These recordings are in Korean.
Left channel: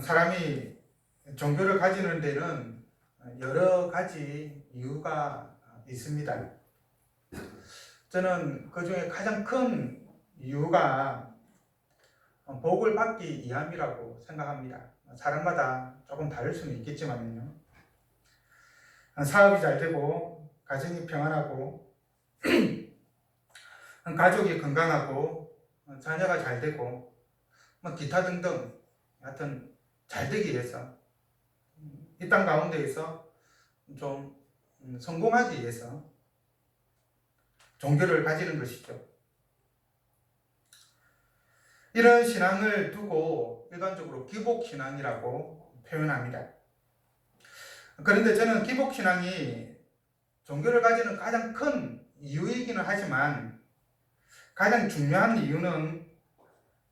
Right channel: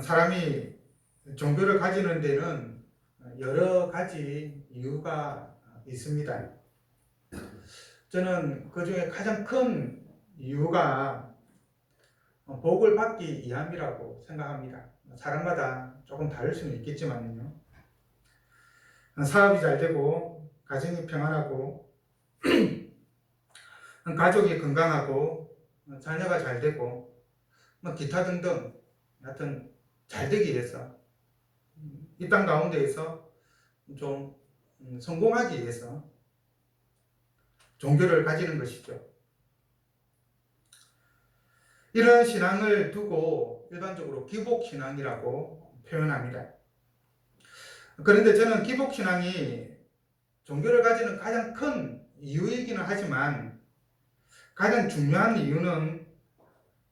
사람이 종교를 가지는 데는 여러 가지 이유가 있습니다. 저는 그 중에 가장 큰 이유가 복을 받기 위함이라고 생각합니다. 사람마다 조금 다를 수는 있겠지만요. 사업이 잘 되고, 가정이 평안하고, 가족이 건강하고, 자녀가 잘 되고, 기타 등등, 하여튼 잘 되기 위해서, 이 땅 가운데에서 좀 성공하기 위해서 종교를 가지는 것이죠. 이런 신앙을 두고 일반적으로 기복신앙이라고 표현합니다. 그런데 저는 기복신앙이 종교를 가지는 가장 큰 이유이기는 하지만 가장 중요한 이유는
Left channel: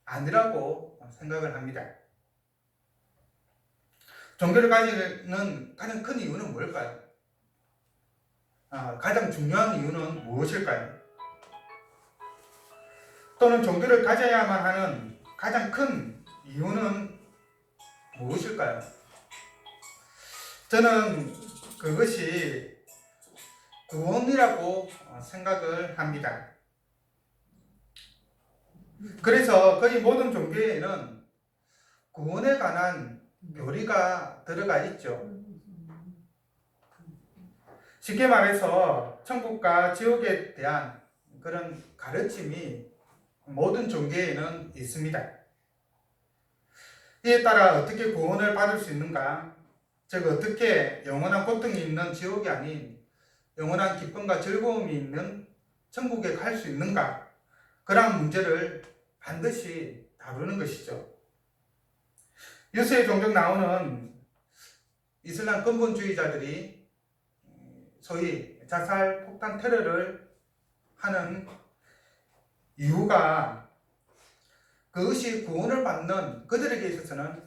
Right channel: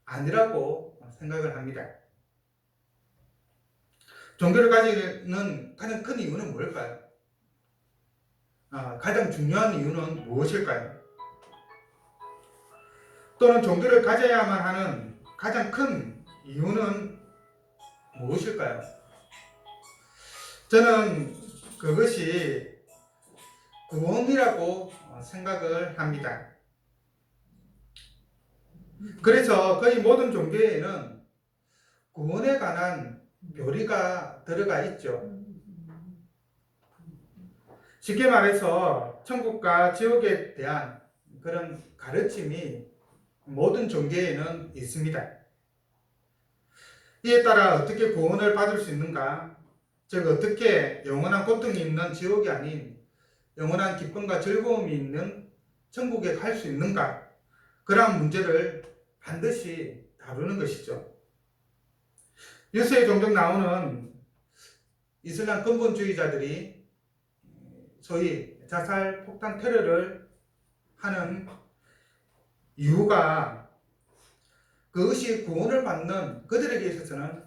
아니라고 생각을 합니다. 종교를 가지는 가장 큰 이유는 뭘까요? 가장 중요한 이유는 무엇일까요? 또는 종교를 가져야만 하는 가장 큰 이유는 무엇일까요? 저는 그것이 구원이라고 생각을 합니다. 그래서 거의 모든 종교에는 구원에 관한 교리가 들어가 있죠. 쉽게 말해서 천국과 지옥에 대한 그런 가르침이 모든 종교에는 있습니다. 이에 따라 어떻게 구원을 받을 수 있는가, 즉 어떻게 영원한 고통이 있는 지옥이 아닌 영원한 기쁨과 즐거움이 있는 천국에 갈 수 있는가, 그러한 문제를 반드시 다루는 것이죠. 뉴스에 종종 나오는 이슬람 근본주의자들이 소위 자살 폭탄 테러를 하는 이유가 그것이 구원을 받는 그들에게 있어서는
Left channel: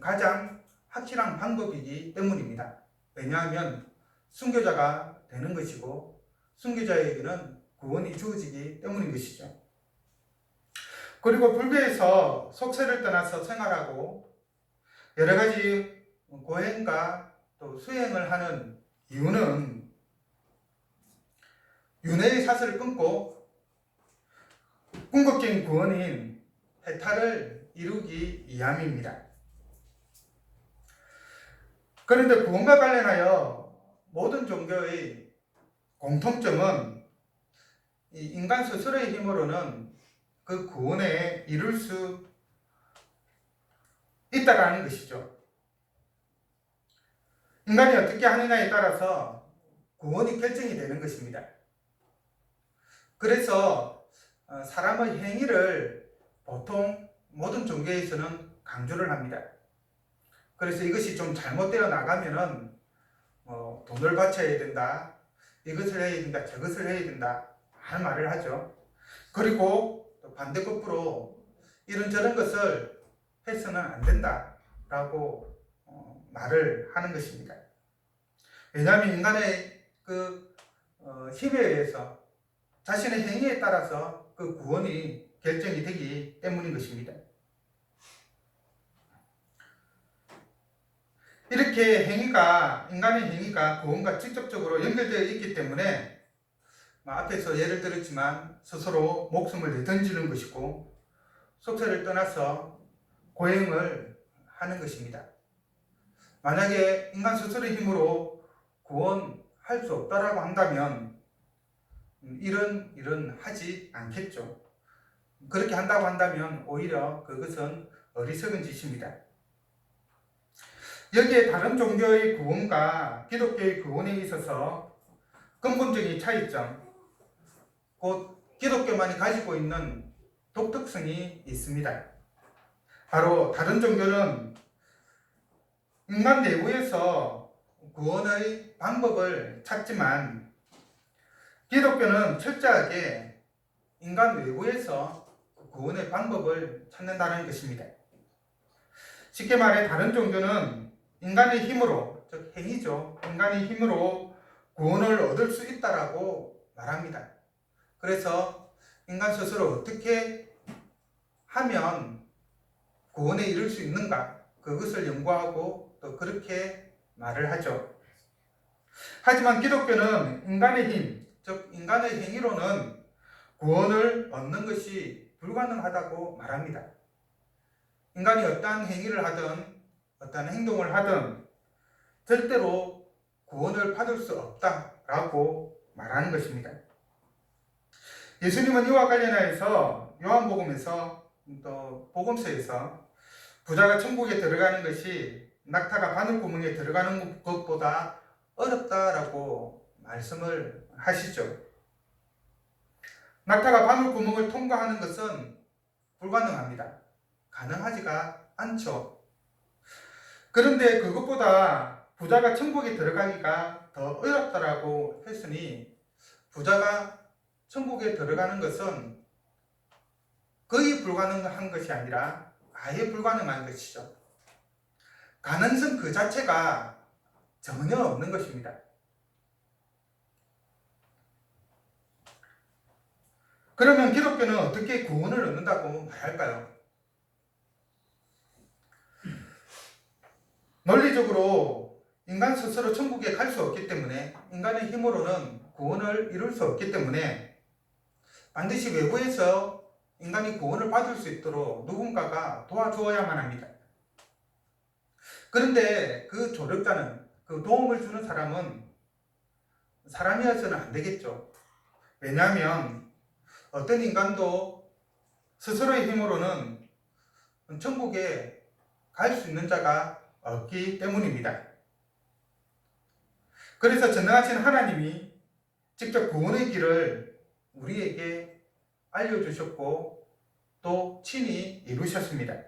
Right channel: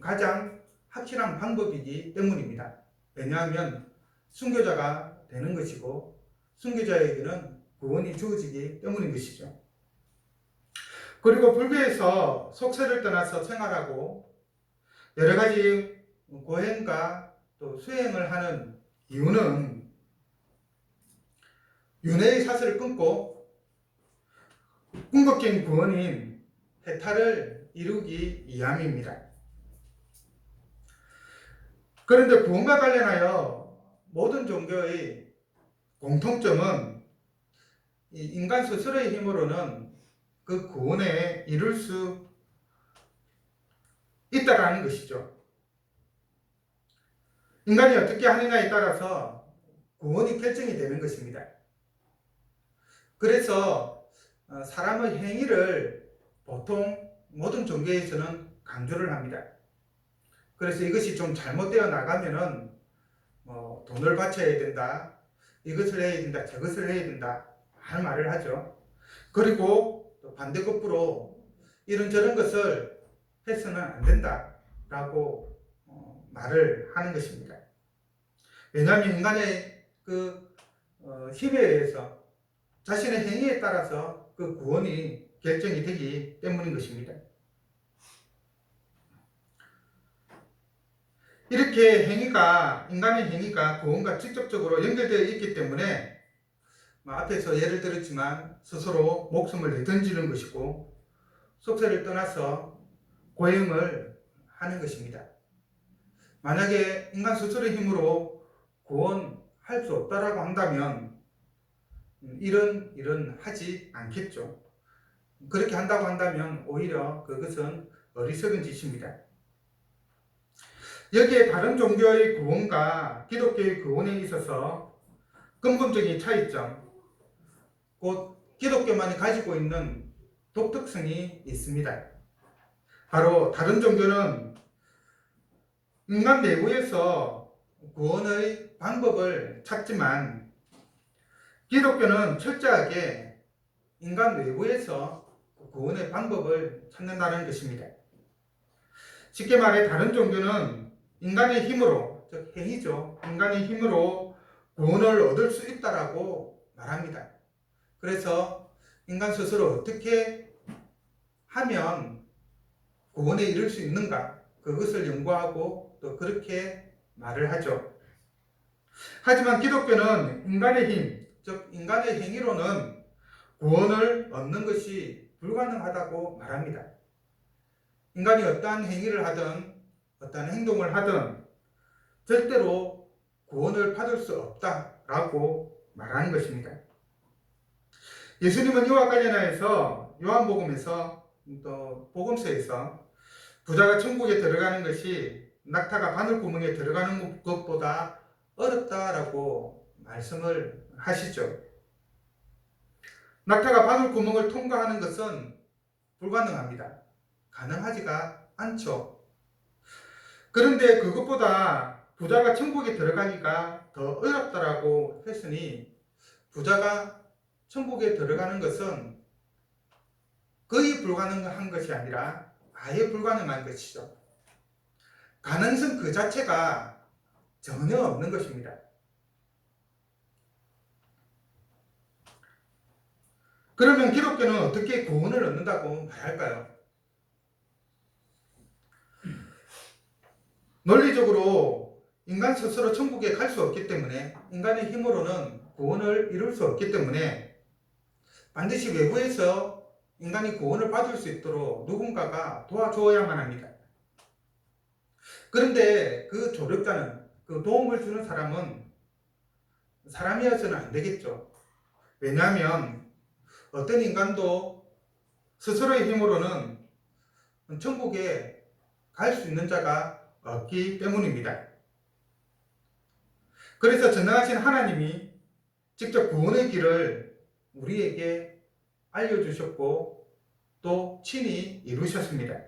가장 확실한 방법이기 때문입니다. 왜냐하면 순교자가 되는 것이고 순교자에게는 구원이 주어지기 때문인 것이죠. 그리고 불교에서 속세를 떠나서 생활하고 여러 가지 고행과 또 수행을 하는 이유는 윤회의 사슬을 끊고 궁극적인 구원인 해탈을 이루기 위함입니다. 그런데 구원과 관련하여 모든 종교의 공통점은 이 인간 스스로의 힘으로는 그 구원에 이룰 수 있다라는 것이죠. 인간이 어떻게 하느냐에 따라서 구원이 결정이 되는 것입니다. 그래서 사람의 행위를 보통 모든 종교에서는 강조를 합니다. 그래서 이것이 좀 잘못되어 나가면은 돈을 바쳐야 된다, 이것을 해야 된다, 저것을 해야 된다 하는 말을 하죠. 그리고 또 반대급부로 이런저런 것을 해서는 안 된다라고 말을 하는 것입니다. 왜냐하면 인간의 그 힘에 의해서 자신의 행위에 따라서 그 구원이 결정이 되기 때문인 것입니다. 이렇게 인간의 행위가 구원과 직접적으로 연결되어 있기 때문에 앞에서 예를 들었지만 스스로 목숨을 내던지는 것이고 속세를 떠나서 고행을 하는 것입니다. 만약에 인간 스스로의 힘으로 구원할 수 없다라고 한다면 이런 일은 하지 않겠죠. 그렇게 한다고 한다면 오히려 그것은 어리석은 짓입니다. 여기에 다른 종교의 구원과 기독교의 구원에 있어서 근본적인 차이점, 곧 기독교만이 가지고 있는 독특성이 있습니다. 바로 다른 종교는 인간 내부에서 구원의 방법을 찾지만 기독교는 철저하게 인간 외부에서 구원의 방법을 찾는다는 것입니다. 쉽게 말해 다른 종교는 인간의 힘으로, 즉 행위죠. 인간의 힘으로 구원을 얻을 수 있다라고 말합니다. 그래서 인간 스스로 어떻게 하면 구원에 이를 수 있는가? 그것을 연구하고 또 그렇게 말을 하죠. 하지만 기독교는 인간의 힘, 즉 인간의 행위로는 구원을 얻는 것이 불가능하다고 말합니다. 인간이 어떠한 행위를 하든 어떠한 행동을 하든 절대로 구원을 받을 수 없다라고 말하는 것입니다. 예수님은 이와 관련하여서 요한복음에서 또 복음서에서 부자가 천국에 들어가는 것이 낙타가 바늘구멍에 들어가는 것보다 어렵다라고 말씀을 하시죠. 낙타가 바늘구멍을 통과하는 것은 불가능합니다. 가능하지가 않죠. 그런데 그것보다 부자가 천국에 들어가기가 더 어렵다라고 했으니 부자가 천국에 들어가는 것은 거의 불가능한 것이 아니라 아예 불가능한 것이죠. 가능성 그 자체가 전혀 없는 것입니다. 그러면 기독교는 어떻게 구원을 얻는다고 말할까요? 논리적으로 인간 스스로 천국에 갈 수 없기 때문에, 인간의 힘으로는 구원을 이룰 수 없기 때문에 반드시 외부에서 인간이 구원을 받을 수 있도록 누군가가 도와주어야만 합니다. 그런데 그 조력자는, 그 도움을 주는 사람은 사람이어서는 안 되겠죠. 왜냐하면 어떤 인간도 스스로의 힘으로는 천국에 갈 수 있는 자가 없기 때문입니다. 그래서 전능하신 하나님이 직접 구원의 길을 우리에게 알려주셨고 또 친히 이루셨습니다.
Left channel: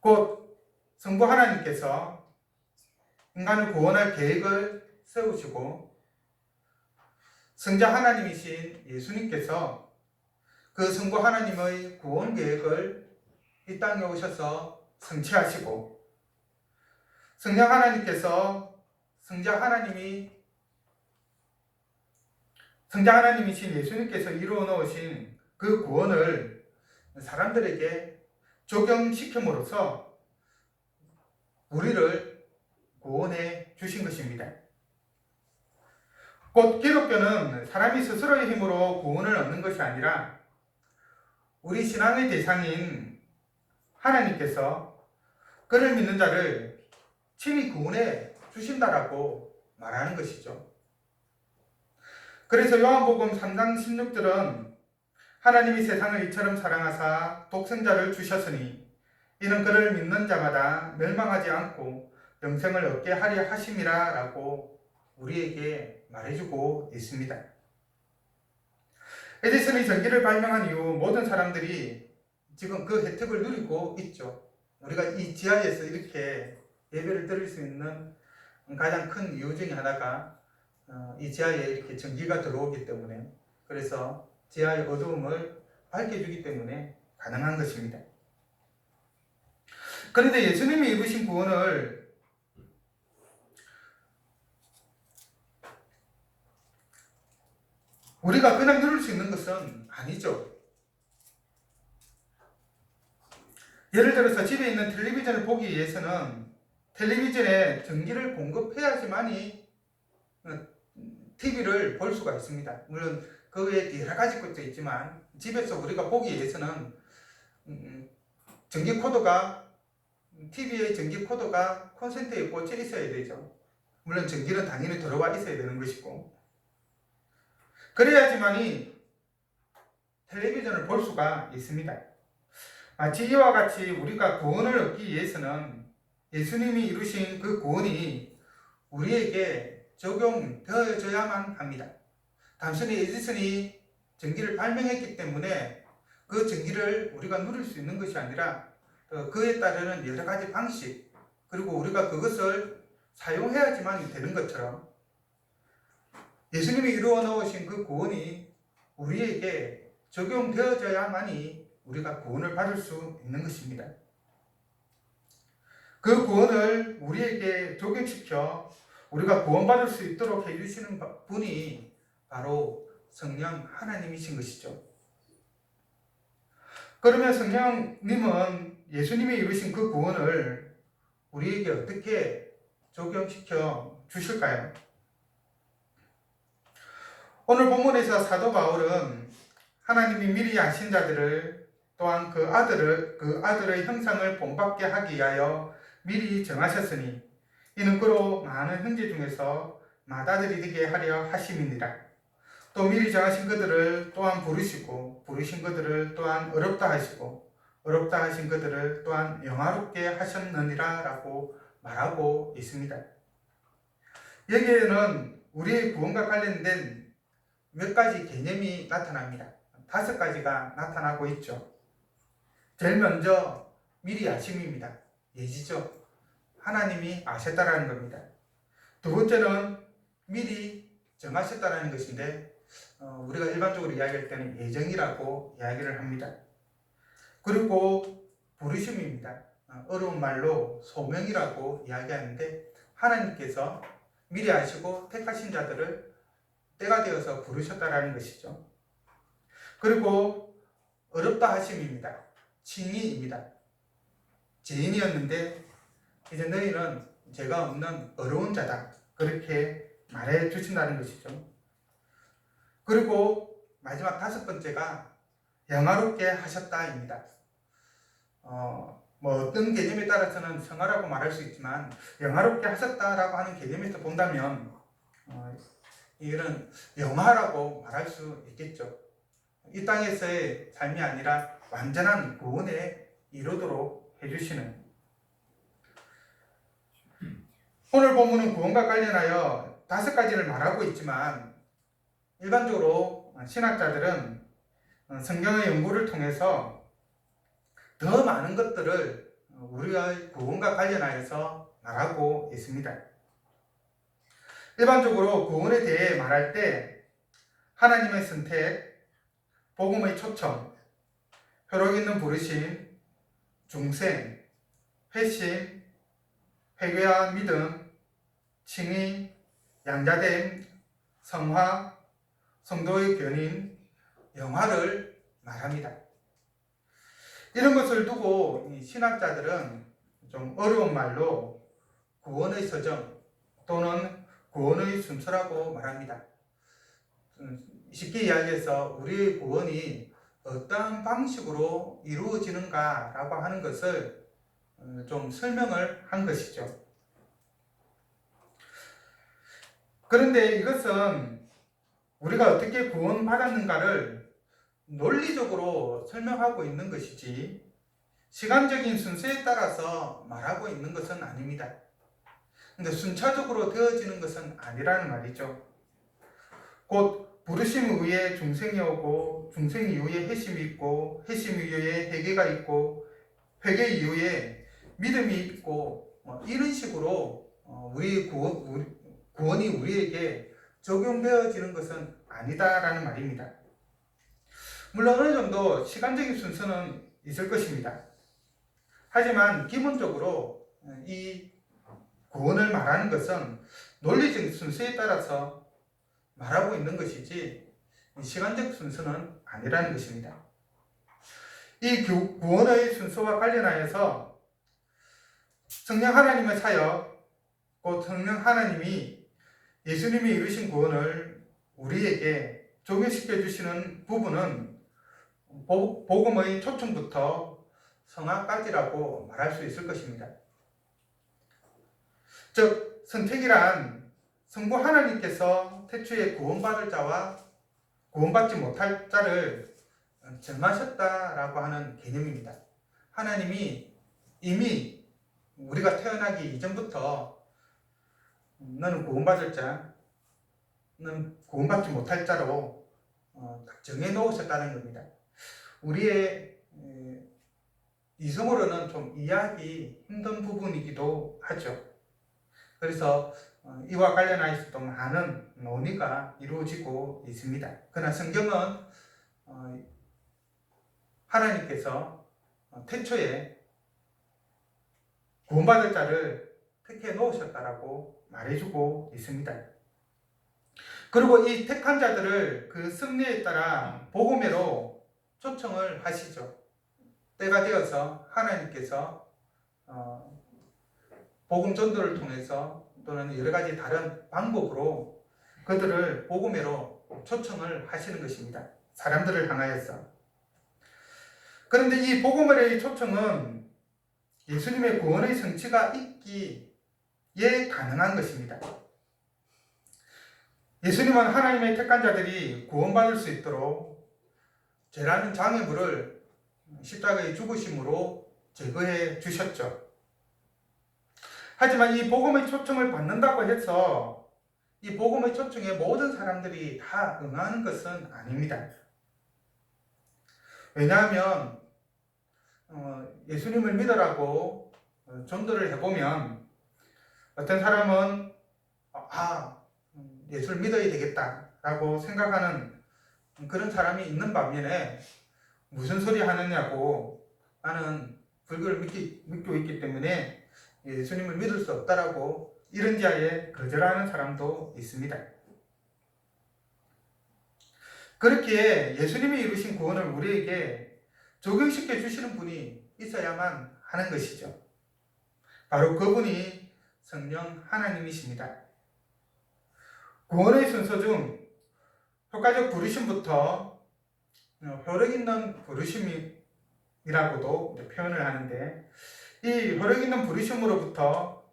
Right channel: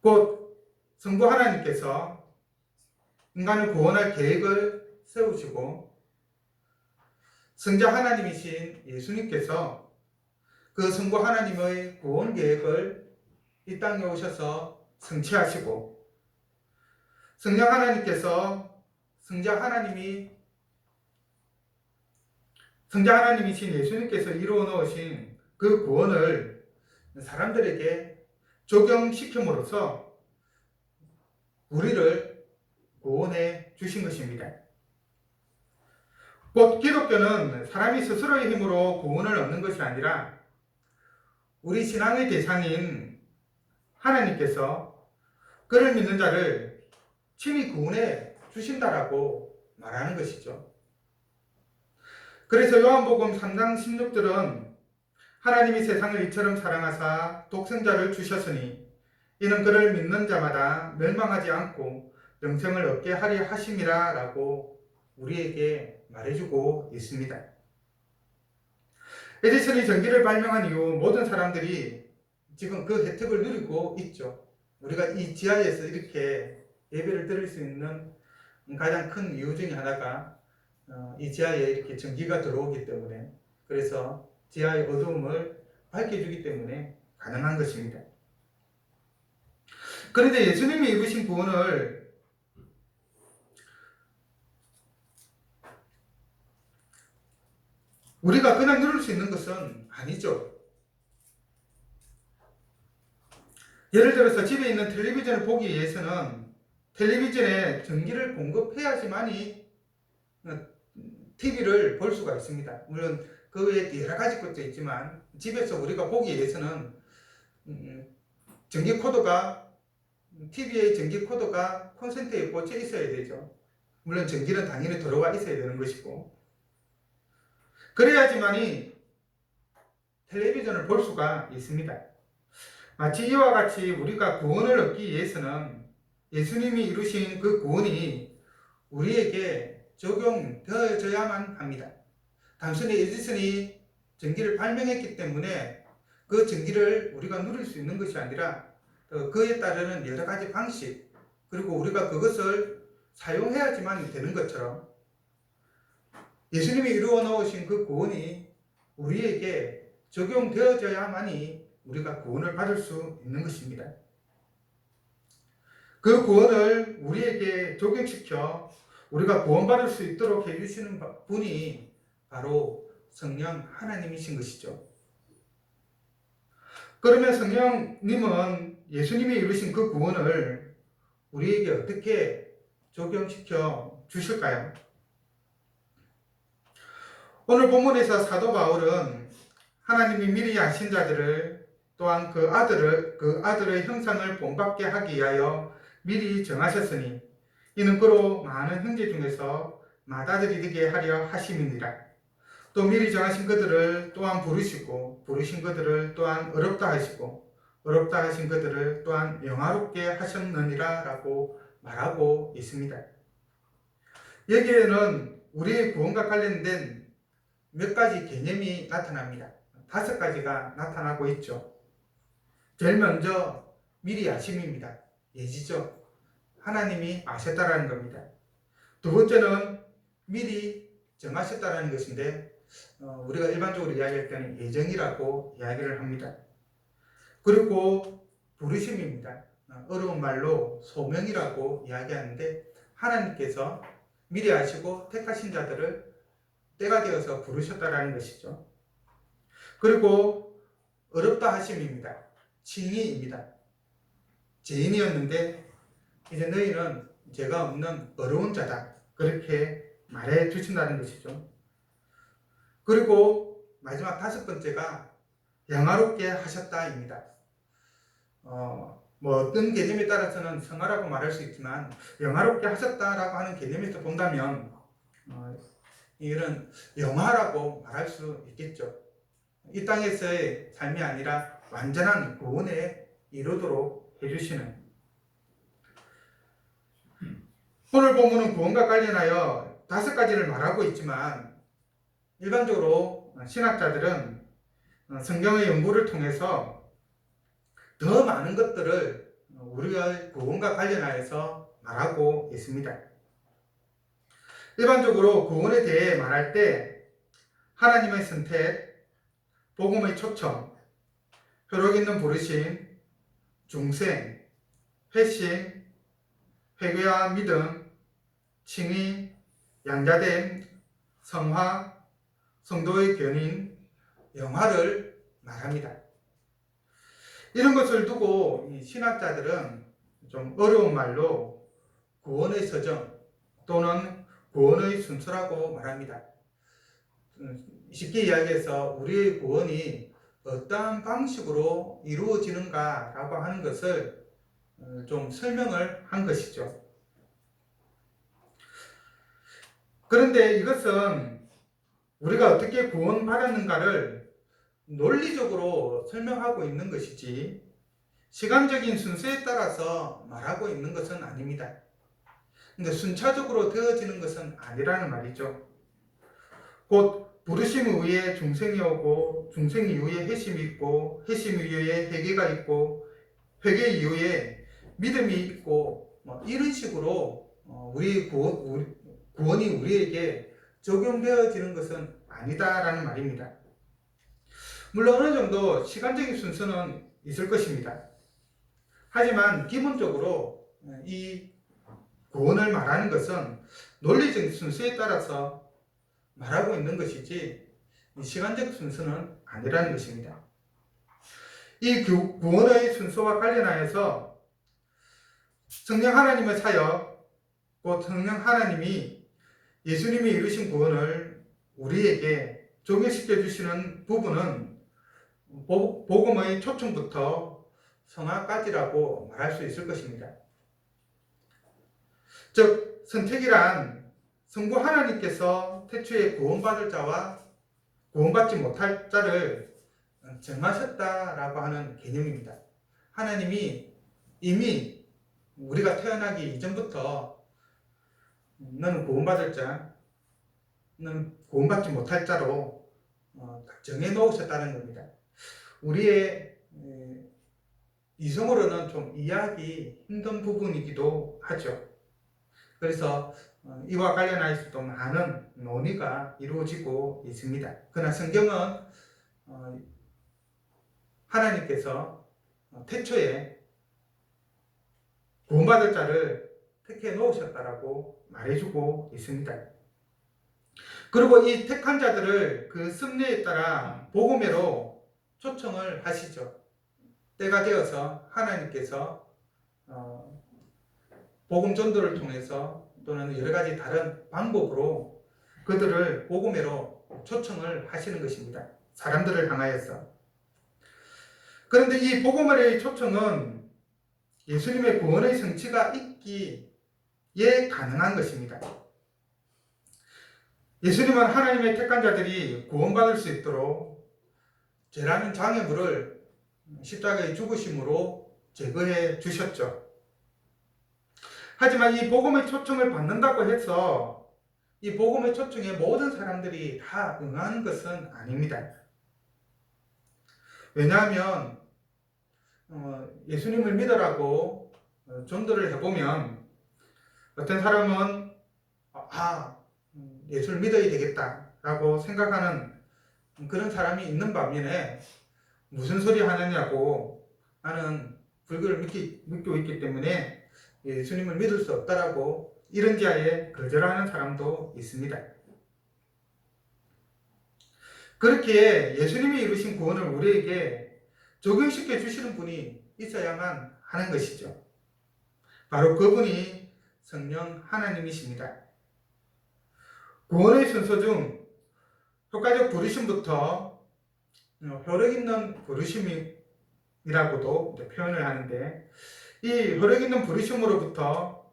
곧 성부 하나님께서 인간을 구원할 계획을 세우시고 성자 하나님이신 예수님께서 그 성부 하나님의 구원 계획을 이 땅에 오셔서 성취하시고 성령 하나님께서 성자 하나님이신 예수님께서 이루어 놓으신 그 구원을 사람들에게 적용시킴으로써 우리를 구원해 주신 것입니다. 곧 기독교는 사람이 스스로의 힘으로 구원을 얻는 것이 아니라 우리 신앙의 대상인 하나님께서 그를 믿는 자를 친히 구원해 주신다라고 말하는 것이죠. 그래서 요한복음 3장 16절은 하나님이 세상을 이처럼 사랑하사 독생자를 주셨으니 이는 그를 믿는 자마다 멸망하지 않고 영생을 얻게 하려 하심이라 라고 우리에게 말해주고 있습니다. 에디슨이 전기를 발명한 이후 모든 사람들이 지금 그 혜택을 누리고 있죠. 우리가 이 지하에서 이렇게 예배를 드릴 수 있는 가장 큰 이유 중에 하나가 이 지하에 이렇게 전기가 들어오기 때문에, 그래서 지하의 어두움을 밝혀주기 때문에 가능한 것입니다. 그런데 예수님이 이루신 구원을 우리가 그냥 누릴 수 있는 것은 아니죠. 예를 들어서 집에 있는 텔레비전을 보기 위해서는 텔레비전에 전기를 공급해야지만이 TV를 볼 수가 있습니다. 물론 그 외에 여러 가지 것도 있지만 집에서 우리가 보기 위해서는 전기 코드가, TV의 전기 코드가 콘센트에 꽂혀 있어야 되죠. 물론 전기는 당연히 들어와 있어야 되는 것이고, 그래야지만이 텔레비전을 볼 수가 있습니다. 마치 이와 같이 우리가 구원을 얻기 위해서는 예수님이 이루신 그 구원이 우리에게 적용되어져야만 합니다. 단순히 에디슨이 전기를 발명했기 때문에 그 전기를 우리가 누릴 수 있는 것이 아니라 그에 따르는 여러 가지 방식, 그리고 우리가 그것을 사용해야지만 되는 것처럼 예수님이 이루어 놓으신 그 구원이 우리에게 적용되어져야만이 우리가 구원을 받을 수 있는 것입니다. 그 구원을 우리에게 적용시켜 우리가 구원받을 수 있도록 해주시는 분이 바로 성령 하나님이신 것이죠. 그러면 성령님은 예수님이 이루신 그 구원을 우리에게 어떻게 적용시켜 주실까요? 오늘 본문에서 사도 바울은 하나님이 미리 아신 자들을 또한 그 아들의 형상을 본받게 하기 위하여 미리 정하셨으니 이는 그로 많은 형제 중에서 맏아들이 되게 하려 하심이니라. 또 미리 정하신 그들을 또한 부르시고 부르신 그들을 또한 어렵다 하시고 어렵다 하신 그들을 또한 영화롭게 하셨느니라 라고 말하고 있습니다. 여기에는 우리의 구원과 관련된 몇 가지 개념이 나타납니다. 5가지가 나타나고 있죠. 제일 먼저 미리 아심입니다. 예지죠. 하나님이 아셨다라는 겁니다. 두 번째는 미리 정하셨다라는 것인데 우리가 일반적으로 이야기할 때는 예정이라고 이야기를 합니다. 그리고 부르심입니다. 어려운 말로 소명이라고 이야기하는데 하나님께서 미리 아시고 택하신 자들을 때가 되어서 부르셨다라는 것이죠. 그리고 어렵다 하심입니다. 칭의입니다. 죄인이었는데 이제 너희는 죄가 없는 어려운 자다. 그렇게 말해 주신다는 것이죠. 그리고 마지막 5번째가 영화롭게 하셨다입니다. 어떤 개념에 따라서는 성화라고 말할 수 있지만 영화롭게 하셨다라고 하는 개념에서 본다면 이런 영화라고 말할 수 있겠죠. 이 땅에서의 삶이 아니라 완전한 구원에 이르도록 해주시는. 오늘 본문은 구원과 관련하여 5가지를 말하고 있지만 일반적으로 신학자들은 성경의 연구를 통해서 더 많은 것들을 우리의 구원과 관련하여서 말하고 있습니다. 일반적으로 구원에 대해 말할 때 하나님의 선택, 복음의 초청, 효력 있는 부르심, 중생, 회심, 회개와 믿음, 칭의, 양자됨, 성화, 성도의 견인, 영화를 말합니다. 이런 것을 두고 신학자들은 좀 어려운 말로 구원의 서정 또는 구원의 순서라고 말합니다. 쉽게 이야기해서 우리의 구원이 어떠한 방식으로 이루어지는가라고 하는 것을 좀 설명을 한 것이죠. 그런데 이것은 우리가 어떻게 구원받았는가를 논리적으로 설명하고 있는 것이지 시간적인 순서에 따라서 말하고 있는 것은 아닙니다. 근데 순차적으로 되어지는 것은 아니라는 말이죠. 곧 부르심 이후에 중생이 오고 중생 이후에 회심이 있고 회심 이후에 회개가 있고 회개 이후에 믿음이 있고 이런 식으로 우리의 구원이 우리에게 적용되어지는 것은 아니다라는 말입니다. 물론 어느 정도 시간적인 순서는 있을 것입니다. 하지만 기본적으로 이 구원을 말하는 것은 논리적 순서에 따라서 말하고 있는 것이지 시간적 순서는 아니라는 것입니다. 이 구원의 순서와 관련하여서 성령 하나님의 사역, 곧 성령 하나님이 예수님이 이루신 구원을 우리에게 적용시켜 주시는 부분은 복음의 초청부터 성화까지라고 말할 수 있을 것입니다. 즉 선택이란 성부 하나님께서 태초에 구원받을 자와 구원받지 못할 자를 정하셨다라고 하는 개념입니다. 하나님이 이미 우리가 태어나기 이전부터 너는 구원받을 자, 너는 구원받지 못할 자로 정해놓으셨다는 겁니다. 우리의 이성으로는 좀 이해하기 힘든 부분이기도 하죠. 그래서 이와 관련해서도 많은 논의가 이루어지고 있습니다. 그러나 성경은 하나님께서 태초에 구원받을 자를 택해 놓으셨다라고 말해주고 있습니다. 그리고 이 택한 자들을 그 섭리에 따라 복음으로 초청을 하시죠. 때가 되어서 하나님께서 복음 전도를 통해서 또는 여러 가지 다른 방법으로 그들을 복음으로 초청을 하시는 것입니다. 사람들을 향하여서. 그런데 이 복음의 초청은 예수님의 구원의 성취가 있기에 가능한 것입니다. 예수님은 하나님의 택한 자들이 구원받을 수 있도록 죄라는 장애물을 십자가의 죽으심으로 제거해 주셨죠. 하지만 이 복음의 초청을 받는다고 해서 이 복음의 초청에 모든 사람들이 다 응하는 것은 아닙니다. 왜냐하면 예수님을 믿으라고 전도를 해보면 어떤 사람은 예수를 믿어야 되겠다라고 생각하는 그런 사람이 있는 반면에 무슨 소리 하느냐고 나는 불교를 믿고 있기 때문에 예수님을 믿을 수 없다라고 이런지하에 거절하는 사람도 있습니다. 그렇게 예수님이 이루신 구원을 우리에게 적용시켜 주시는 분이 있어야만 하는 것이죠. 바로 그분이 성령 하나님이십니다. 구원의 순서 중 효과적 부르심부터 효력 있는 부르심이라고도 표현을 하는데, 이 효력 있는 부르심으로부터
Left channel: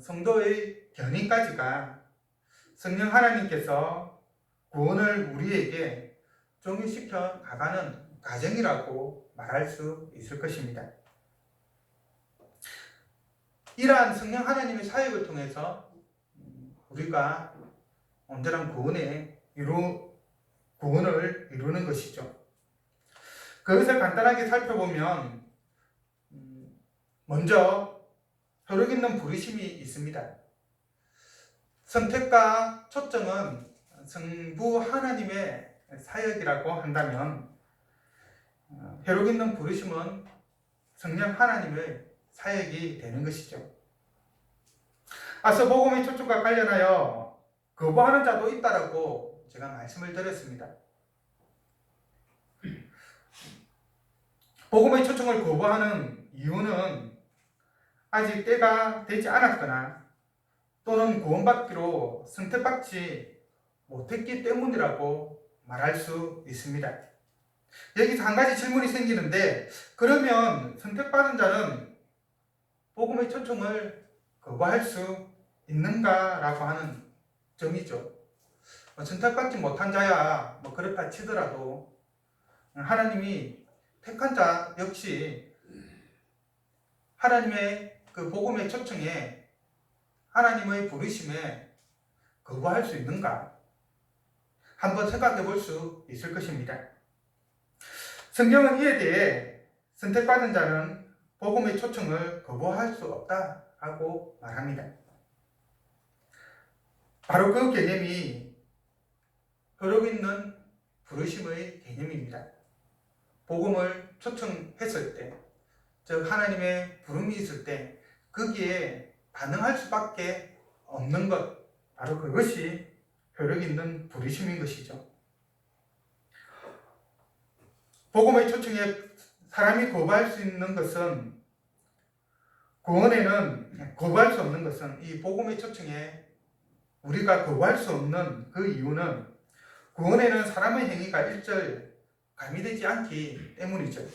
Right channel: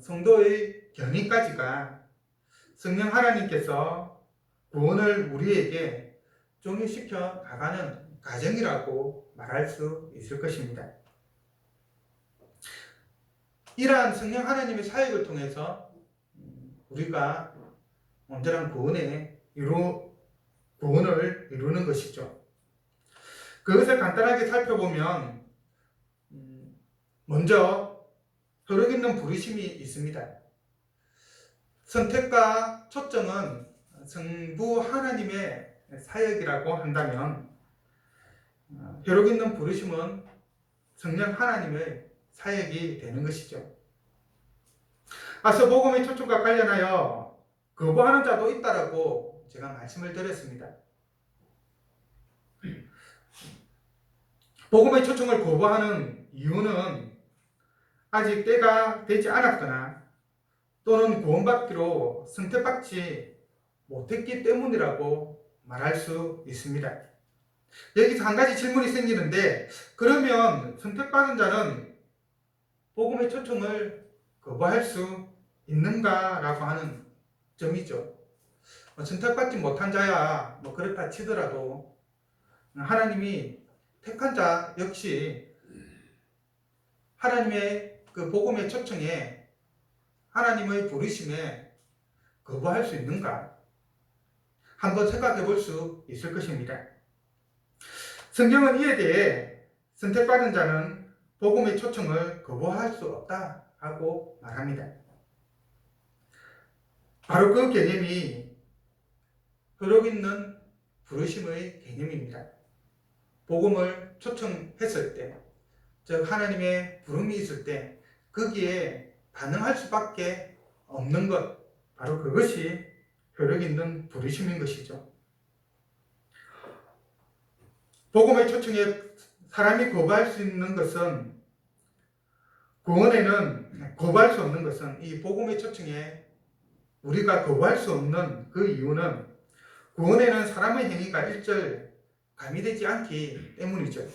성도의 견인까지가 성령 하나님께서 구원을 우리에게 적용시켜 나가는 과정이라고 말할 수 있을 것입니다. 이러한 성령 하나님의 사역을 통해서 우리가 온전한 구원을 이루는 것이죠. 그것을 간단하게 살펴보면 먼저 효력 있는 부르심이 있습니다. 선택과 초점은 성부 하나님의 사역이라고 한다면 효력 있는 부르심은 성령 하나님의 사역이 되는 것이죠. 앞서 복음의 초청과 관련하여 거부하는 자도 있다라고 제가 말씀을 드렸습니다. 복음의 초청을 거부하는 이유는 아직 때가 되지 않았거나 또는 구원받기로 선택받지 못했기 때문이라고 말할 수 있습니다. 여기서 한 가지 질문이 생기는데, 그러면 선택받은 자는 복음의 초청을 거부할 수 있는가라고 하는 점이죠. 선택받지 못한 자야 그렇다 치더라도 하나님이 택한 자 역시 하나님의 그 복음의 초청에, 하나님의 부르심에 거부할 수 있는가? 한번 생각해 볼 수 있을 것입니다. 성경은 이에 대해 선택받은 자는 복음의 초청을 거부할 수 없다라고 말합니다. 바로 그 개념이 효력 있는 부르심의 개념입니다. 복음을 초청했을 때, 즉 하나님의 부름이 있을 때 거기에 반응할 수밖에 없는 것, 바로 그것이 효력 있는 부르심인 것이죠. 복음의 초청에 사람이 거부할 수 있는 것은, 구원에는 거부할 수 없는 것은, 이 복음의 초청에 우리가 거부할 수 없는 그 이유는 구원에는 사람의 행위가 일절 가미되지 않기 때문이죠.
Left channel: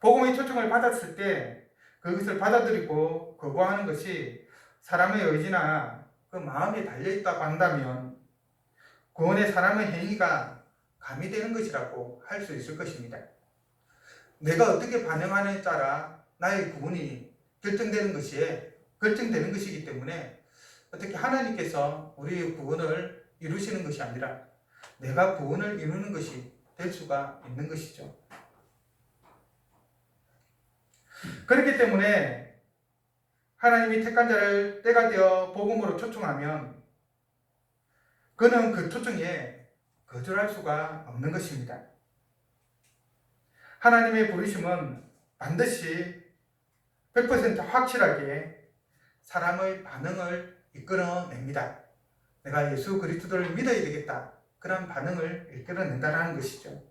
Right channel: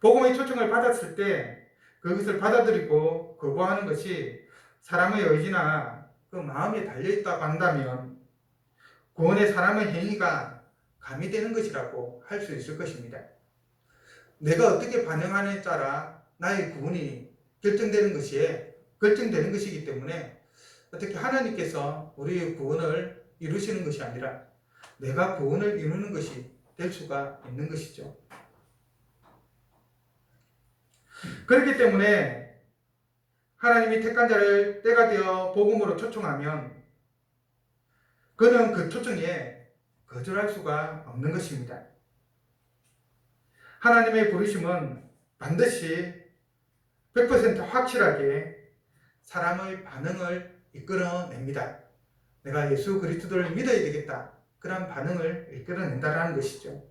복음의 초청을 받았을 때 그것을 받아들이고 거부하는 것이 사람의 의지나 그 마음에 달려있다고 한다면 구원에 사람의 행위가 가미되는 것이라고 할 수 있을 것입니다. 내가 어떻게 반응하느냐에 따라 나의 구원이 결정되는 것이기 때문에 어떻게 하나님께서 우리의 구원을 이루시는 것이 아니라 내가 구원을 이루는 것이 될 수가 있는 것이죠. 그렇기 때문에 하나님이 택한 자를 때가 되어 복음으로 초청하면 그는 그 초청에 거절할 수가 없는 것입니다. 하나님의 부르심은 반드시 100% 확실하게 사람의 반응을 이끌어냅니다. 내가 예수 그리스도를 믿어야 되겠다, 그런 반응을 이끌어낸다는 것이죠.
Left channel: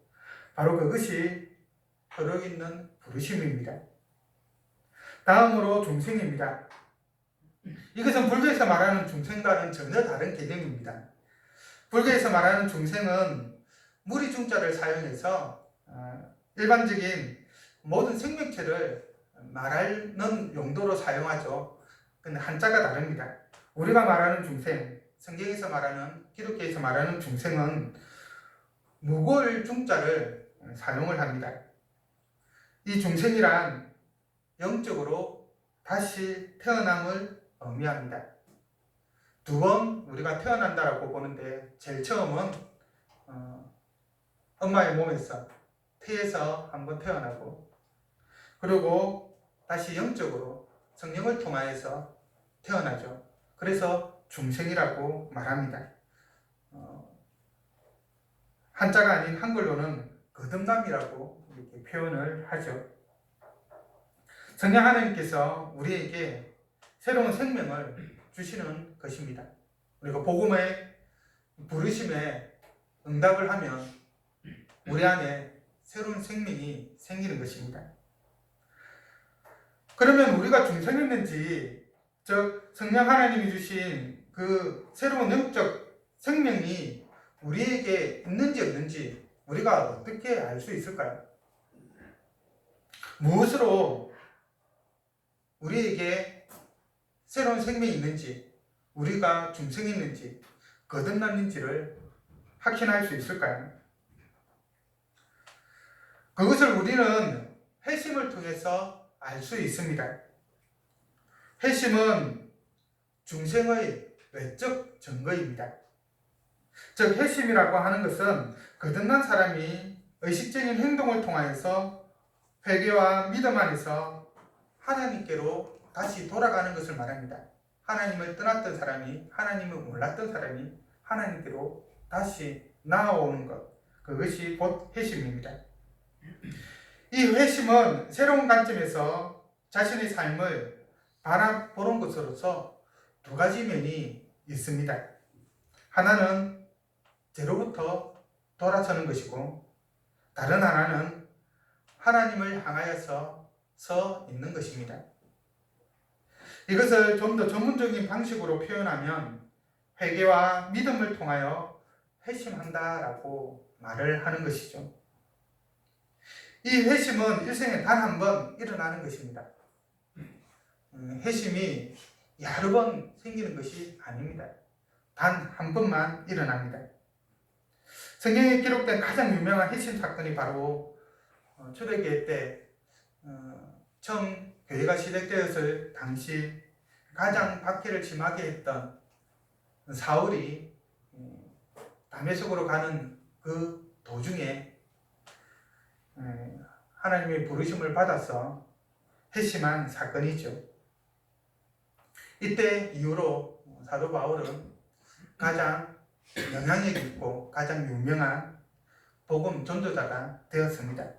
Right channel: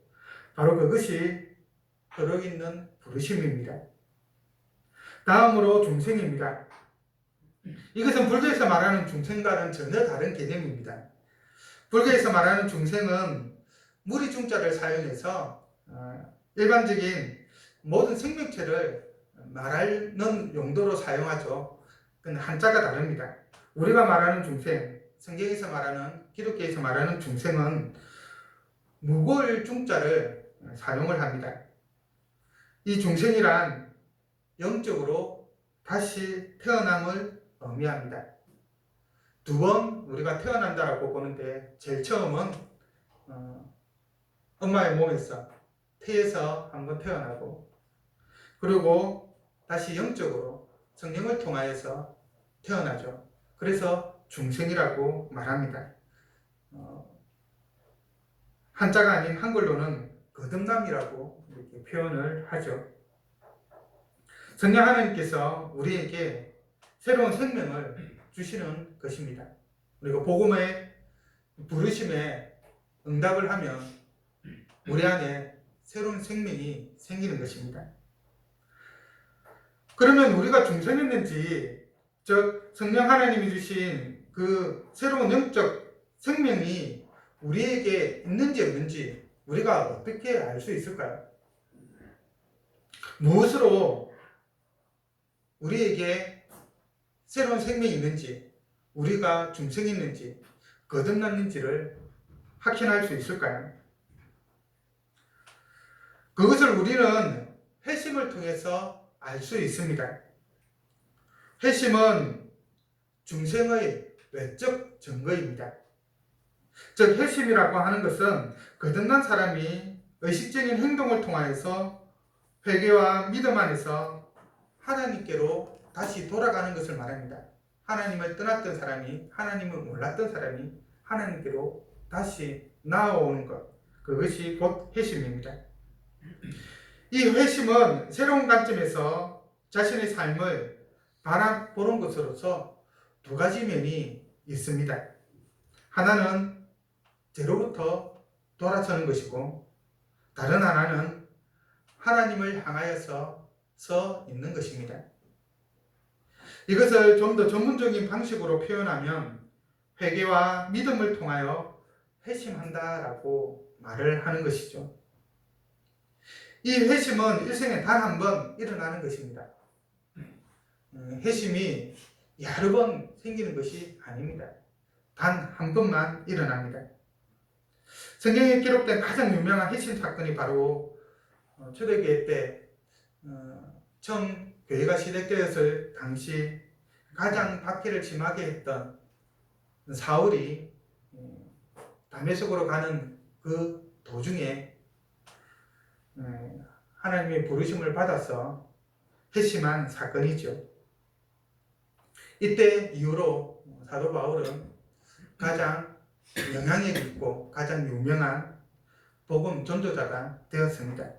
바로 그것이 혈육 있는 부르심입니다. 다음으로 중생입니다. 이것은 불교에서 말하는 중생과는 전혀 다른 개념입니다. 불교에서 말하는 중생은 무리 중자를 사용해서 일반적인 모든 생명체를 말하는 용도로 사용하죠. 근데 한자가 다릅니다. 우리가 말하는 중생, 성경에서 말하는, 기독교에서 말하는 중생은 무골 중자를 사용을 합니다. 이 중생이란 영적으로 다시 태어남을 의미합니다. 두 번 우리가 태어난다라고 보는데, 제일 처음은 엄마의 몸에서 태에서 한번 태어나고, 그리고 다시 영적으로 성령을 통하여서 태어나죠. 그래서 중생이라고 말합니다. 한자가 아닌 한글로는 거듭남이라고 이렇게 표현을 하죠. 성령 하나님께서 우리에게 새로운 생명을 주시는 것입니다. 우리가 복음의 부르심에 응답을 하면 우리 안에 새로운 생명이 생기는 것입니다. 그러면 우리가 중생했는지, 즉 성령 하나님이 주신 그 새로운 영적 생명이 우리에게 있는지 없는지 우리가 어떻게 알 수 있을까요? 무엇으로 우리에게 새로운 생명이 있는지, 우리가 중생했는지, 거듭났는지를 확신할 수 있을까요? 그것을 우리는 회심을 통해서 알 수 있습니다. 회심은 중생의 외적 증거입니다. 즉, 회심이라고 하는 것은 거듭난 사람이 의식적인 행동을 통하여서 회개와 믿음 안에서 하나님께로 다시 돌아가는 것을 말합니다. 하나님을 떠났던 사람이, 하나님을 몰랐던 사람이 하나님께로 다시 나아오는 것, 그것이 곧 회심입니다. 이 회심은 새로운 관점에서 자신의 삶을 바라보는 것으로서 두 가지 면이 있습니다. 하나는 죄로부터 돌아서는 것이고, 다른 하나는 하나님을 향하여서 서 있는 것입니다. 이것을 좀 더 전문적인 방식으로 표현하면 회개와 믿음을 통하여 회심한다라고 말을 하는 것이죠. 이 회심은 일생에 단 한 번 일어나는 것입니다. 회심이 여러 번 생기는 것이 아닙니다. 단 한 번만 일어납니다. 성경에 기록된 가장 유명한 회심 사건이 바로 초대교회 때 처음 교회가 시작되었을 당시 가장 박해를 심하게 했던 사울이 다메섹으로 가는 그 도중에 하나님의 부르심을 받아서 회심한 사건이죠. 이때 이후로 사도 바울은 가장 영향력 있고 가장 유명한 복음 전도자가 되었습니다.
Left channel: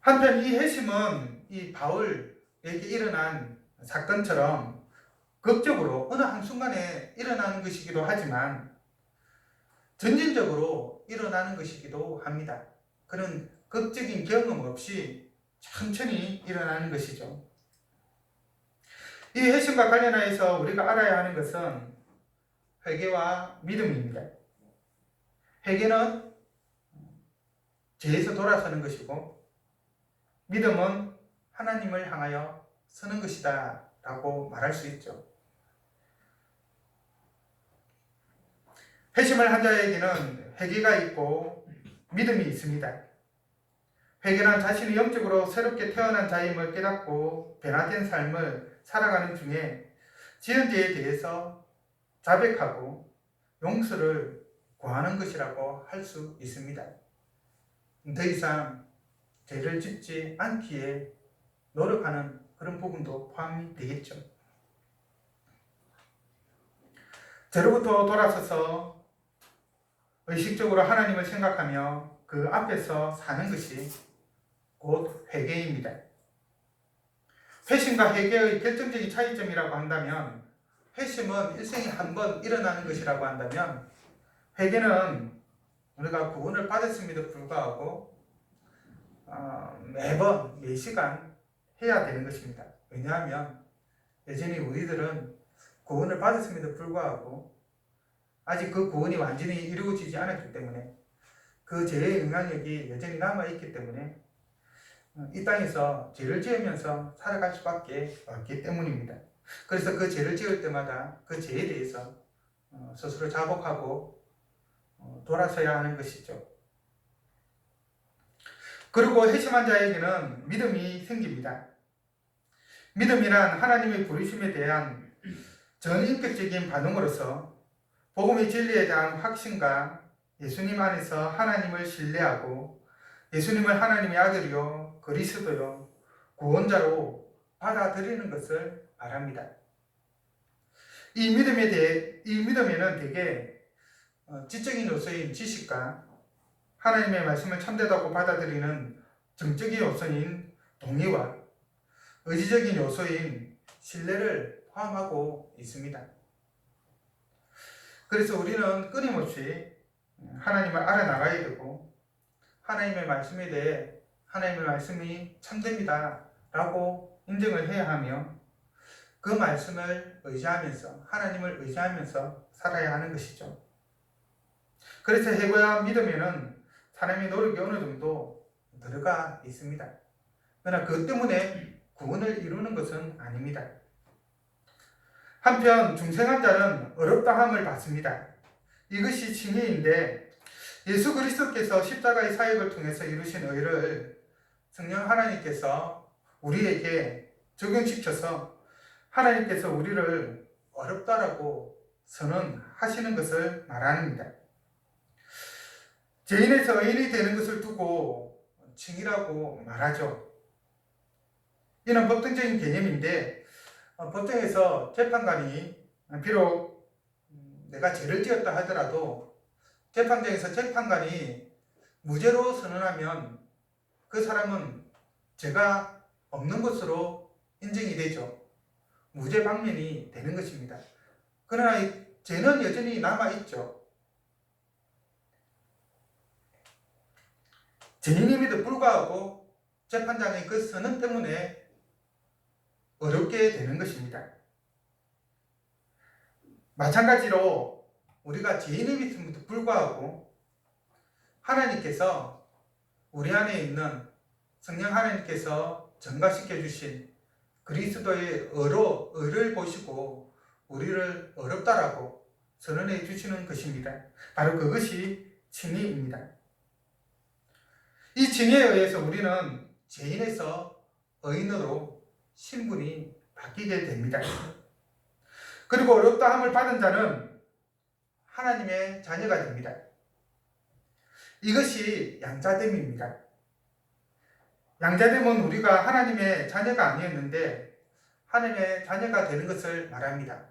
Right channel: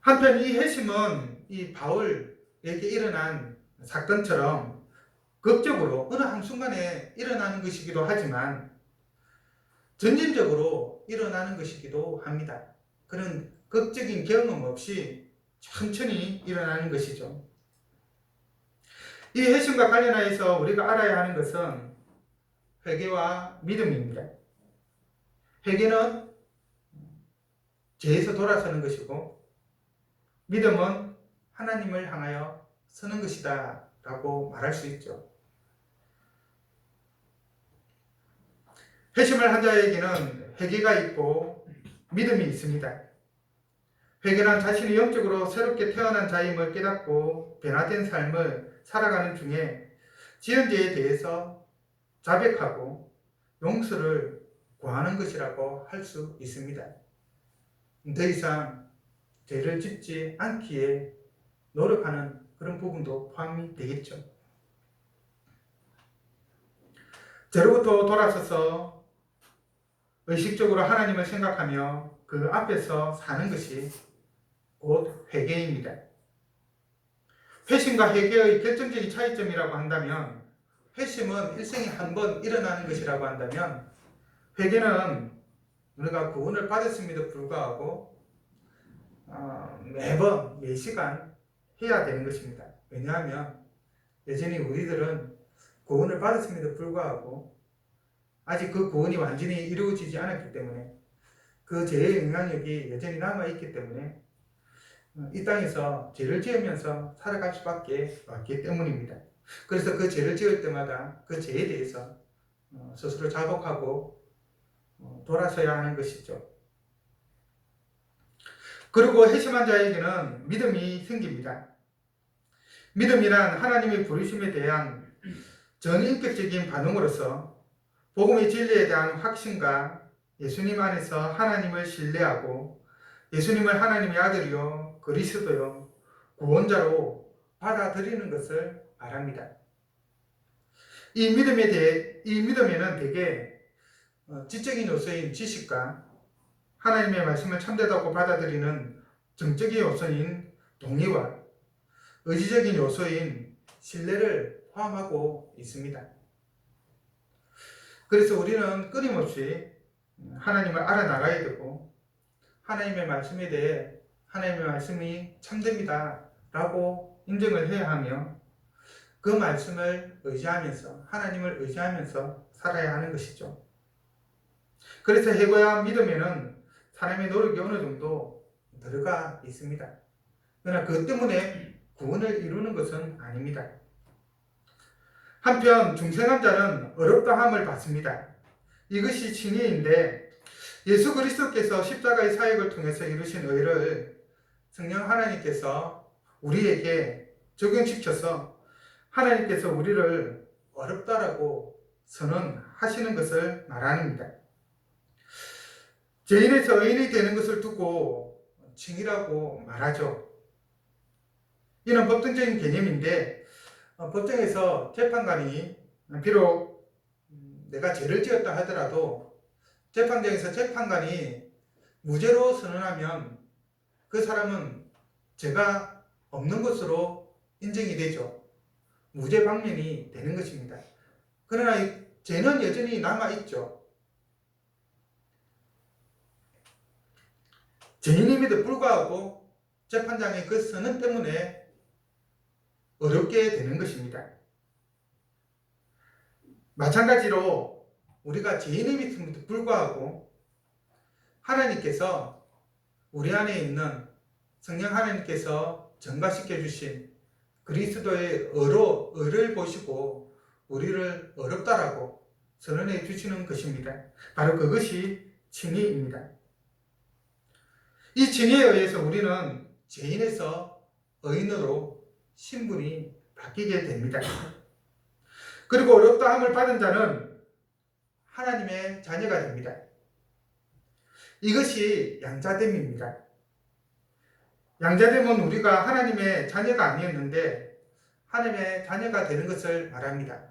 한편 이 회심은 이 바울에게 일어난 사건처럼 극적으로 어느 한순간에 일어나는 것이기도 하지만 점진적으로 일어나는 것이기도 합니다. 그런 극적인 경험 없이 천천히 일어나는 것이죠. 이 회심과 관련하여서 우리가 알아야 하는 것은 회개와 믿음입니다. 회개는 죄에서 돌아서는 것이고, 믿음은 하나님을 향하여 서는 것이다 라고 말할 수 있죠. 회심을 한 자에게는 회개가 있고 믿음이 있습니다. 회개는 자신이 영적으로 새롭게 태어난 자임을 깨닫고 변화된 삶을 살아가는 중에 지은 죄에 대해서 자백하고 용서를 구하는 것이라고 할 수 있습니다. 더 이상 죄를 짓지 않기에 노력하는 그런 부분도 포함이 되겠죠. 죄로부터 돌아서서 의식적으로 하나님을 생각하며 그 앞에서 사는 것이 곧 회개입니다. 회심과 회개의 결정적인 차이점이라고 한다면, 회심은 일생에 한 번 일어나는 것이라고 한다면, 회개는 우리가 구원을 받았음에도 불구하고 매번 매 시간 해야 되는 것입니다. 왜냐하면 여전히 우리들은 구원을 받았음에도 불구하고 아직 그 구원이 완전히 이루어지지 않았기 때문에 그 죄의 영향력이 여전히 남아있기 때문에 이 땅에서 죄를 지으면서 살아갈 수밖에 없기 때문입니다. 그래서 그 죄를 지을 때마다 그 죄에 대해서 스스로 자복하고 돌아서야 하는 것이죠. 그리고 회심한 자에게는 믿음이 생깁니다. 믿음이란 하나님의 부르심에 대한 전인격적인 반응으로서 복음의 진리에 대한 확신과 예수님 안에서 하나님을 신뢰하고 예수님을 하나님의 아들이요 그리스도요 구원자로 받아들이는 것을 말합니다. 이 믿음에는 대개 지적인 요소인 지식과 하나님의 말씀을 참되다고 받아들이는 정적인 요소인 동의와 의지적인 요소인 신뢰를 포함하고 있습니다. 그래서 우리는 끊임없이 하나님을 알아나가야 되고 하나님의 말씀에 대해 하나님의 말씀이 참됩니다 라고 인정을 해야 하며 그 말씀을 의지하면서 하나님을 의지하면서 살아야 하는 것이죠. 그래서 해봐야 믿음에는 사람의 노력이 어느 정도 들어가 있습니다. 그러나 그것 때문에 구원을 이루는 것은 아닙니다. 한편 중생한 자는 어렵다함을 받습니다. 이것이 칭의인데 예수 그리스도께서 십자가의 사역을 통해서 이루신 의를 성령 하나님께서 우리에게 적용시켜서 하나님께서 우리를 어렵다라고 선언하시는 것을 말합니다. 죄인에서 의인이 되는 것을 두고 칭의라고 말하죠. 이는 법정적인 개념인데 법정에서 재판관이 비록 내가 죄를 지었다 하더라도 재판장에서 재판관이 무죄로 선언하면 그 사람은 죄가 없는 것으로 인정이 되죠. 무죄 방면이 되는 것입니다. 그러나 이 죄는 여전히 남아있죠. 죄인임에도 불구하고 재판장의 그 선언 때문에 어렵게 되는 것입니다. 마찬가지로 우리가 죄인임에도 불구하고 하나님께서 우리 안에 있는 성령 하나님께서 전가시켜 주신 그리스도의 의를 보시고 우리를 어렵다라고 선언해 주시는 것입니다. 바로 그것이 칭의입니다. 이 칭의에 의해서 우리는 죄인에서 의인으로 신분이 바뀌게 됩니다. 그리고 어렵다함을 받은 자는 하나님의 자녀가 됩니다. 이것이 양자됨입니다. 양자됨은 우리가 하나님의 자녀가 아니었는데 하나님의 자녀가 되는 것을 말합니다.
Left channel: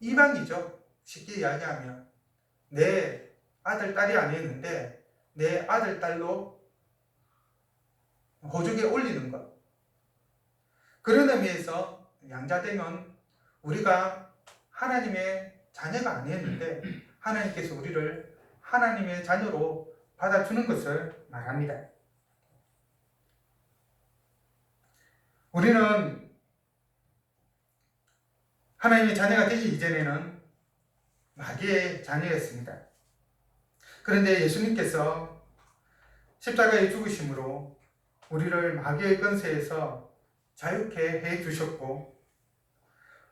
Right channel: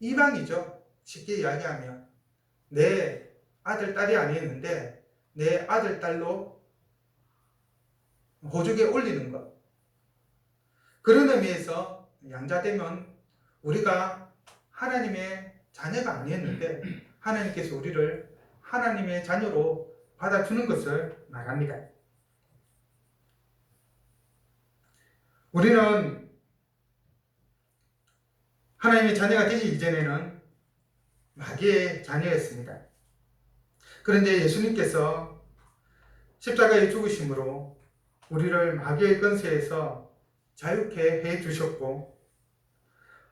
이방이죠. 쉽게 이야기하면 내 아들, 딸이 아니었는데 내 아들, 딸로 호적에 올리는 것. 그런 의미에서 양자됨은 우리가 하나님의 자녀가 아니었는데 하나님께서 우리를 하나님의 자녀로 받아주는 것을 말합니다. 우리는 하나님의 자녀가 되기 이전에는 마귀의 자녀였습니다. 그런데 예수님께서 십자가의 죽으심으로 우리를 마귀의 권세에서 자유케 해 주셨고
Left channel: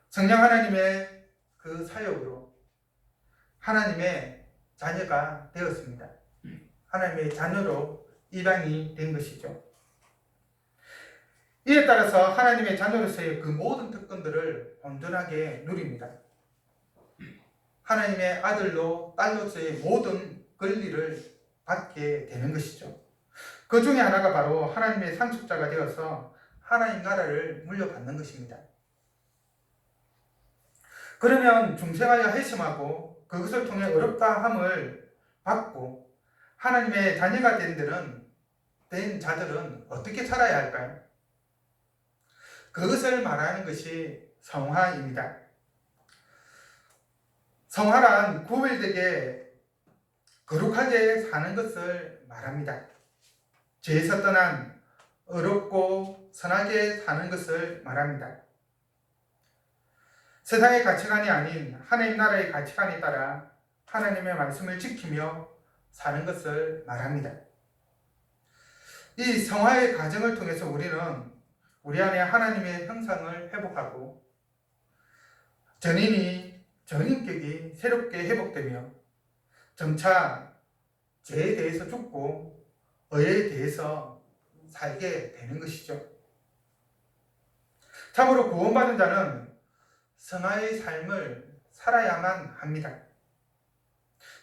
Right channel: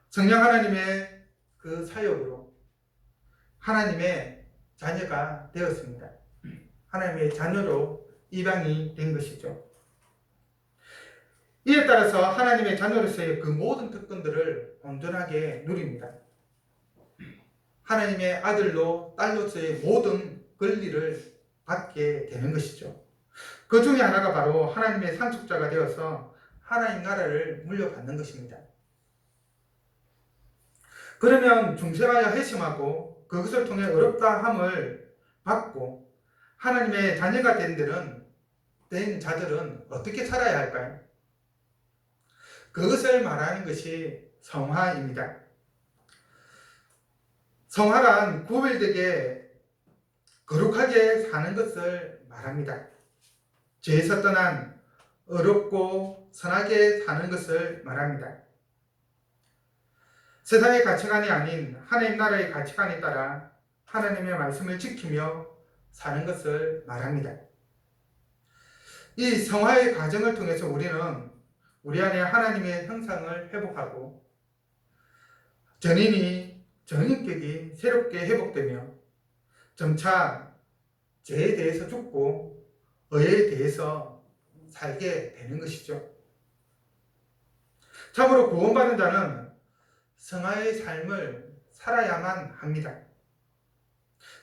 성령 하나님의 그 사역으로 하나님의 자녀가 되었습니다. 하나님의 자녀로 입양이 된 것이죠. 이에 따라서 하나님의 자녀로서의 그 모든 특권들을 온전하게 누립니다. 하나님의 아들로 딸로서의 모든 권리를 받게 되는 것이죠. 그 중에 하나가 바로 하나님의 상속자가 되어서 하나님 나라를 물려받는 것입니다. 그러면 중생하여 회심하고 그것을 통해 어렵다함을 받고 하나님의 자녀가 된 자들은 어떻게 살아야 할까요? 그것을 말하는 것이 성화입니다. 성화란 구별되게 거룩하게 사는 것을 말합니다. 죄에서 떠난 의롭고 선하게 사는 것을 말합니다. 세상의 가치관이 아닌 하나님 나라의 가치관에 따라 하나님의 말씀을 지키며 사는 것을 말합니다. 이 성화의 과정을 통해서 우리는 우리 안에 하나님의 형상을 회복하고 전인격이 새롭게 회복되며 점차 죄에 대해서 죽고 의에 대해서 살게 되는 것이죠. 참으로 구원받은 자는 성화의 삶을 살아야만 합니다.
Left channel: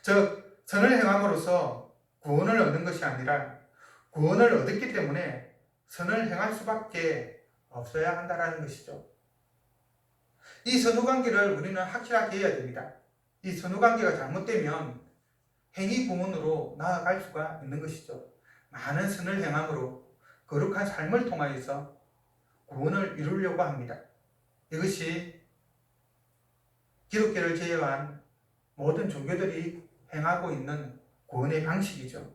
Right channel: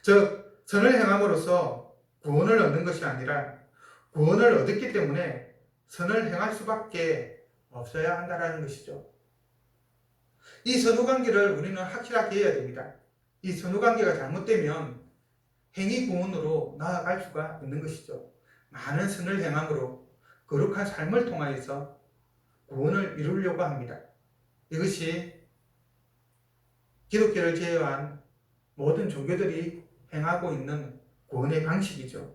즉 선을 행함으로써 구원을 얻는 것이 아니라 구원을 얻었기 때문에 선을 행할 수밖에 없어야 한다는 것이죠. 이 선후관계를 우리는 확실하게 해야 됩니다. 이 선후관계가 잘못되면 행위 구원으로 나아갈 수가 있는 것이죠. 많은 선을 행함으로 거룩한 삶을 통하여서 구원을 이루려고 합니다. 이것이 기독교를 제외한 모든 종교들이 행하고 있는 구원의 방식이죠.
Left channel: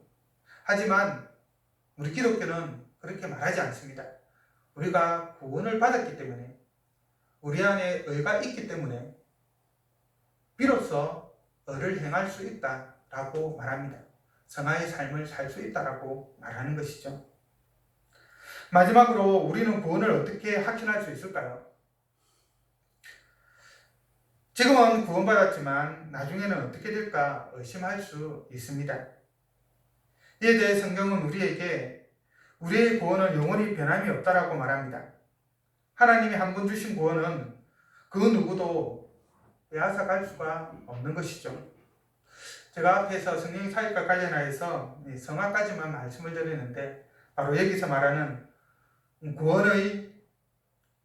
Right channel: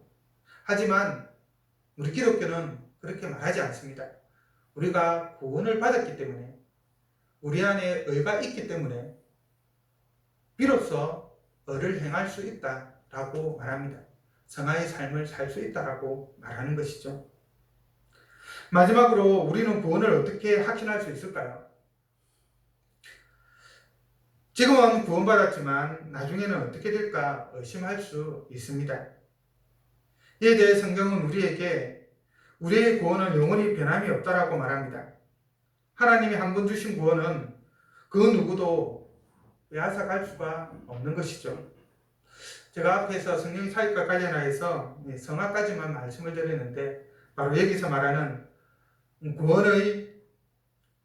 하지만 우리 기독교는 그렇게 말하지 않습니다. 우리가 구원을 받았기 때문에 우리 안에 의가 있기 때문에 비로소 의를 행할 수 있다라고 말합니다. 성화의 삶을 살 수 있다라고 말하는 것이죠. 마지막으로 우리는 구원을 어떻게 확신할 수 있을까요? 지금은 구원받았지만 나중에는 어떻게 될까 의심할 수 있습니다. 이에 대해 성경은 우리에게 우리의 구원은 영원히 변함이 없다라고 말합니다. 하나님이 한 번 주신 구원은 그 누구도 빼앗아갈 수가 없는 것이죠. 제가 앞에서 성령 차이과 관련하여서 성화까지만 말씀을 드렸는데 바로 여기서 말하는 구원의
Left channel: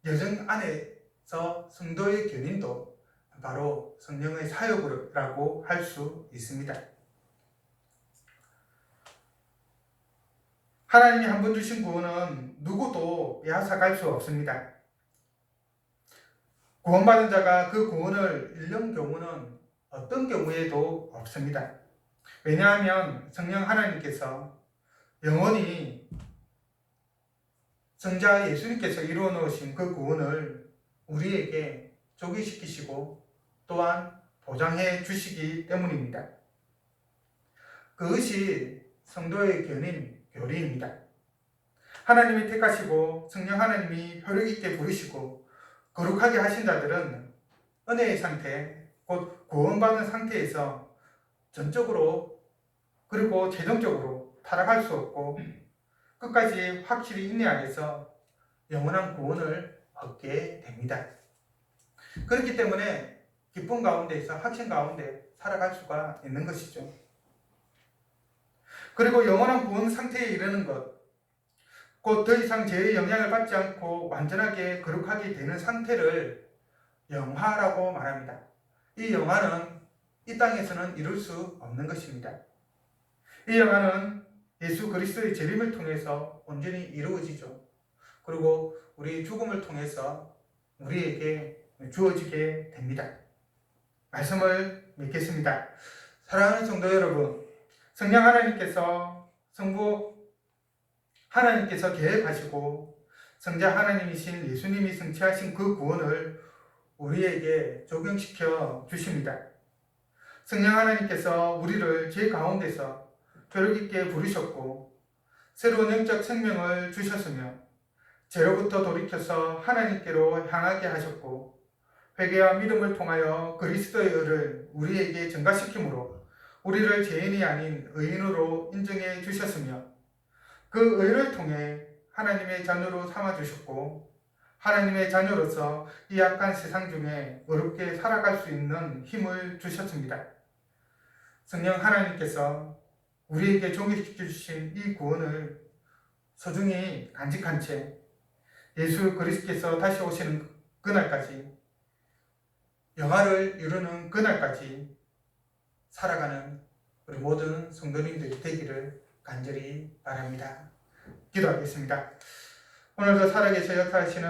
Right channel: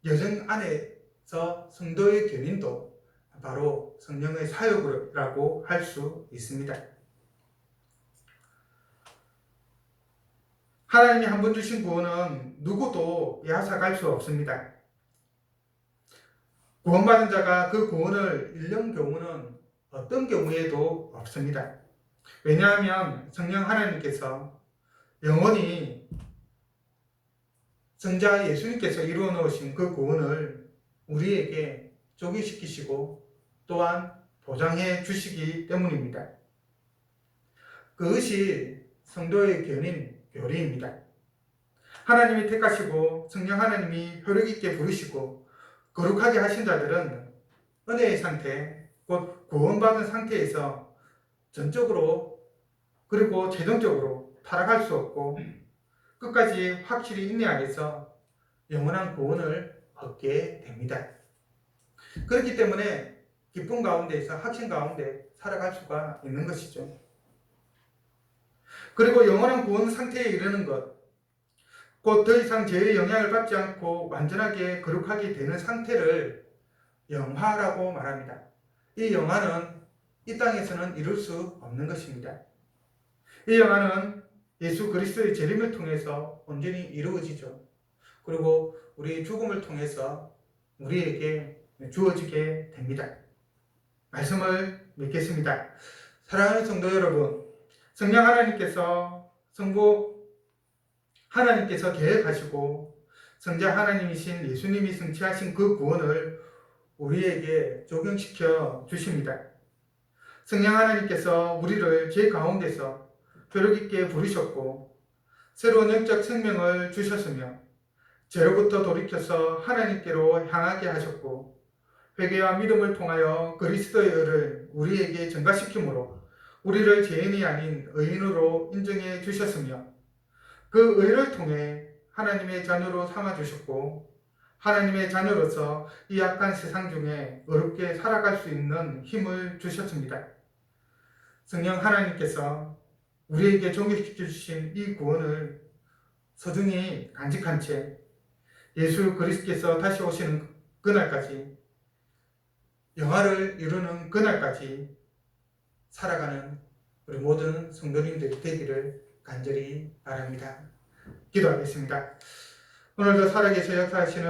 여정 안에서 성도의 견인도 바로 성령의 사역이라고 할 수 있습니다. 하나님이 한 번 주신 구원은 누구도 빼앗아갈 수 없습니다. 구원받은 자가 그 구원을 잃는 경우는 어떤 경우에도 없습니다. 왜냐하면 성령 하나님께서 영원히 성자 예수님께서 이루어 놓으신 그 구원을 우리에게 조기시키시고 또한 보장해 주시기 때문입니다. 그것이 성도의 견인 교리입니다. 하나님이 택하시고 성령 하나님이 효력 있게 부르시고 거룩하게 하신 자들은 은혜의 상태, 곧 구원받은 상태에서 전적으로 그리고 최종적으로 타락할 수 없고 끝까지 확실히 인내하여서 영원한 구원을 얻게 됩니다. 그렇기 때문에 기쁨 가운데에서 확신 가운데 살아갈 수가 있는 것이죠. 그리고 영원한 구원 상태에 이르는 것, 곧 더 이상 죄의 영향을 받지 않고 완전하게 거룩하게 되는 상태를 영화라고 말합니다. 이 영화는 이 땅에서는 이룰 수 없는 것입니다. 이 영화는 예수 그리스도의 재림을 통해서 온전히 이루어지죠. 그리고 우리 죽음을 통해서 우리에게 주어지게 됩니다. 말씀을 믿겠습니다. 사랑하는 성도 여러분, 성령 하나님께서 성부 하나님께서 계획하시고 성자 하나님이신 예수님이 성취하신 그 구원을 우리에게 적용시켜 주십니다. 성령 하나님께서 우리를 죄 가운데서 효력 있게 부르셨고 새로운 영적 생명을 주셨으며 죄로부터 돌이켜서 하나님께로 향하게 하셨고 회개와 믿음을 통하여 그리스도의 의를 우리에게 전가시키므로 우리를 죄인이 아닌 의인으로 인정해 주셨으며 그 의를 통해 하나님의 자녀로 삼아주셨고 하나님의 자녀로서 이 악한 세상 중에 어렵게 살아갈 수 있는 힘을 주셨습니다. 성령 하나님께서 우리에게 종식시켜 주신 이 구원을 소중히 간직한 채 예수 그리스도께서 다시 오시는 그날까지 영화를 이루는 그날까지 살아가는 우리 모든 성도님들이 되기를 간절히 바랍니다. 기도하겠습니다. 오늘도 살아계셔 역사하시는